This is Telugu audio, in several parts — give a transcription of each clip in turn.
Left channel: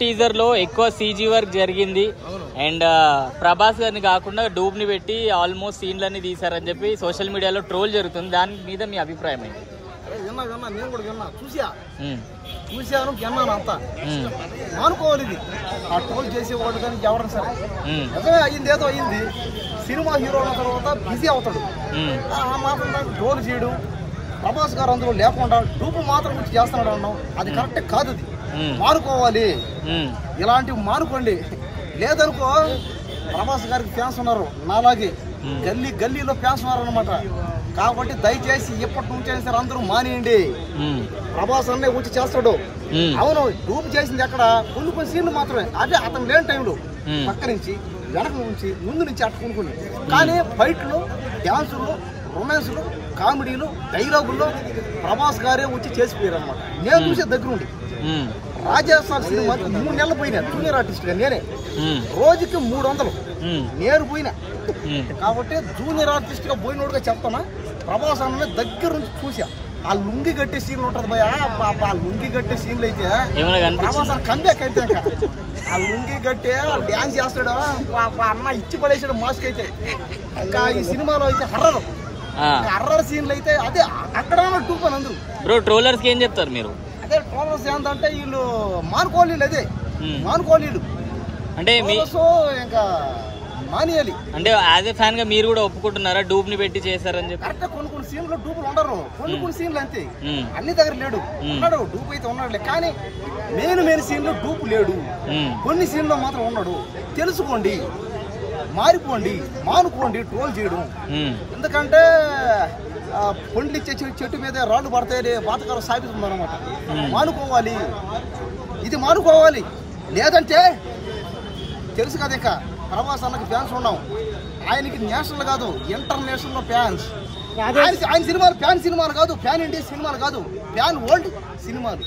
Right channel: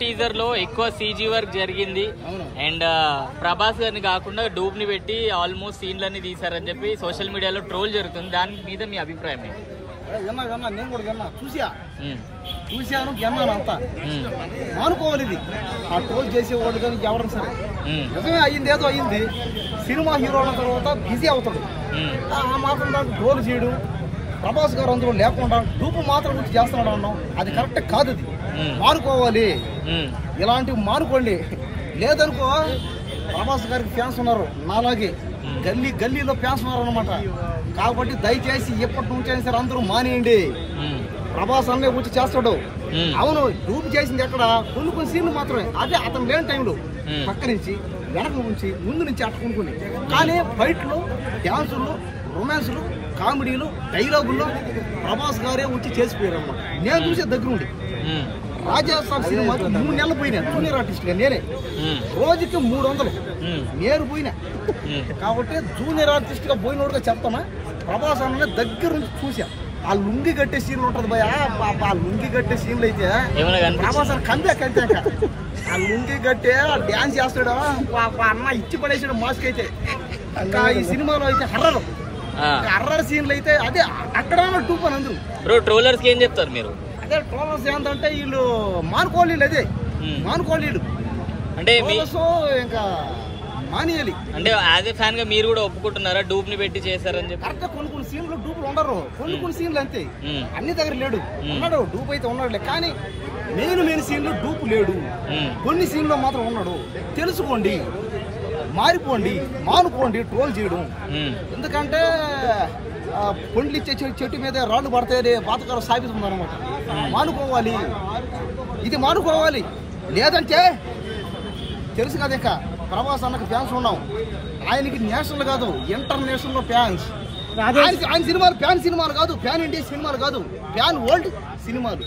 టీజర్ లో ఎక్కువ సీజీ వర్క్ జరిగింది అండ్ ప్రభాస్ గారిని కాకుండా డూబ్ ని పెట్టి ఆల్మోస్ట్ సీన్లన్నీ తీసారని చెప్పి సోషల్ మీడియాలో ట్రోల్ జరుగుతుంది. దాని మీద మీ అభిప్రాయం ఏంటి? నేను కూడా విన్నా, చూశాను విన్నాను అంతా. మానుకోవాలి ఇది. ఆ ట్రోల్ చేసేవాళ్ళు కానీ ఎవరైనా సరే నిజమే అయ్యింది, ఏదో అయ్యింది. సినిమా హీరో అన్న తర్వాత బిజీ అవుతాడు. ఆ మాత్రం దాకా ట్రోల్ చేయడం, ప్రభాస్ గారు అందులో లేకుండా డూపు మాత్రం గురించి చేస్తున్నాడు అన్నాం, అది కరెక్ట్ కాదు. అది మానుకోవాలి, ఇలాంటివి మానుకోండి. లేదనుకో ప్రభాస్ గారికి ఫ్యాన్స్ ఉన్నారు, నాలాగే గల్లీలో ఫ్యాన్స్ ఉన్నారు అనమాట. కాబట్టి దయచేసి ఎప్పటి నుంచి సరే అందరూ మానేయండి. ప్రభాస్ అన్నే వచ్చి చేస్తాడు. అవును, డూప్ చేసింది ఎక్కడ కొన్ని సీన్లు మాత్రమే, అదే అతను లేని టైంలో పక్క నుంచి వెనక నుంచి ముందు నుంచి అట్ట కొనుక్కుని. కానీ ఫైట్లు, డ్యాన్సులు, రొమాన్సులు, కామెడీలు, డైలాగుల్లో ప్రభాస్ గారే వచ్చి చేసిపోయారు అనమాట. నేను చూసే దగ్గరుండి రాజాసాబ్ సినిమాకి 3 నెలలు పోయినా జూనియర్ ఆర్టిస్ట్ గా నేనే. రోజుకి 300 నేను పోయినా. కాబట్టి జూనియర్ ఆర్టిస్ట్ గా పోయినోడుగా చెప్తానా, ప్రభాస్ అన్న దగ్గర నుంచి చూసా. ఆ లుంగి కట్టే సీన్లు ఉంటది భయ, ఆ లుంగి కట్టే సీన్లు అయితే ప్రభాస్ అన్న కంబే కట్టాక ఆ లుంగి కట్టే డ్యాన్స్ చేస్తాడు అన్న, ఇచ్చి పడేసాడు మాస్క్ అయితే. ఇంకా ఈ సినిమాలో అయితే హర్రర్ సీన్లు అయితే అదే అక్కడ టూప్ అని అందరూ. బ్రో ట్రోలర్స్ కి ఏం చెప్తారు మీరు? అదే ట్రోలర్స్ ఏంటంటే వీళ్ళు మానుకోవాలి, అదే మానుకోవాలి అంటే ఇంకా మానేయాలి. అంటే యాజ్ ఏ ఫ్యాన్ గా మీరు కూడా ఒప్పుకుంటున్నారా డూబ్ ని పెట్టి చేశారని చెప్పి? కరెక్ట్, కొన్ని సీన్లు డూపులు ఉండరు, కొన్ని సీన్లు అంతే. అన్ని దగ్గర లేడు, ఉన్నాడు డూప్ అయితే ఉన్నాడులే, కానీ మెయిన్ సీన్లు డూపు లేడు. కొన్ని సీన్లో మాత్రం ఉన్నాడు. తెలుసుకోండి, మారిపోండి, మానుకోండి ట్రోల్ చేయడం. ఎందుకంటే పొండ్లు ఇచ్చే చెట్టు మీద రాళ్ళు పడితే బాతకాలు సాగుతుంది అనమాట. మానుకోవాలి, ఇది మానుకోవాలి. లేదంటే తెలుసు కదా, ఇక ప్రభాస్ అన్నకి ఫ్యాన్స్ ఉన్నాం. ఆయనకి నేషనల్ కాదు, ఇంటర్నేషనల్ ఫ్యాన్స్. ఆయన సినిమాలు సినిమాలు కాదు, ఫ్యాన్ ఇండియా సినిమాలు కాదు, ఫ్యాన్ వరల్డ్ సినిమాలు.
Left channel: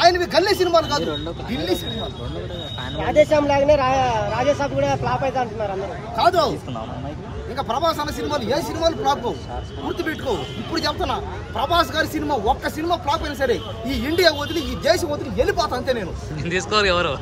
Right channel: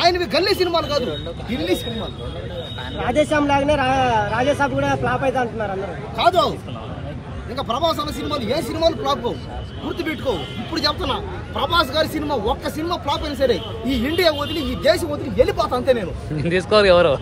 ఆయనవి గల్లీ సినిమాలు కాదు, ఢిల్లీ సినిమాలు. రాజేశాబ్ లాగానే రాజేశాబ్ కూడా ఫ్లాప్ అయితే అంటున్నారు కాదు. ఇంకా ప్రభాస్ అన్న సినిమాలు ఏ సినిమాలు ఫ్లాప్ కావు, గుర్తుపెట్టుకో. ఇప్పుడు చెప్తున్నా, ప్రభాస్ గారి సినిమా ఒక్క సినిమా ఫ్లాప్ అయినా సరే ఈ ఇండియా వదిలి, ఈ దేశం వదిలి వెళ్ళిపోతా అంతే నేను. తీసుకోరు ఎవరు.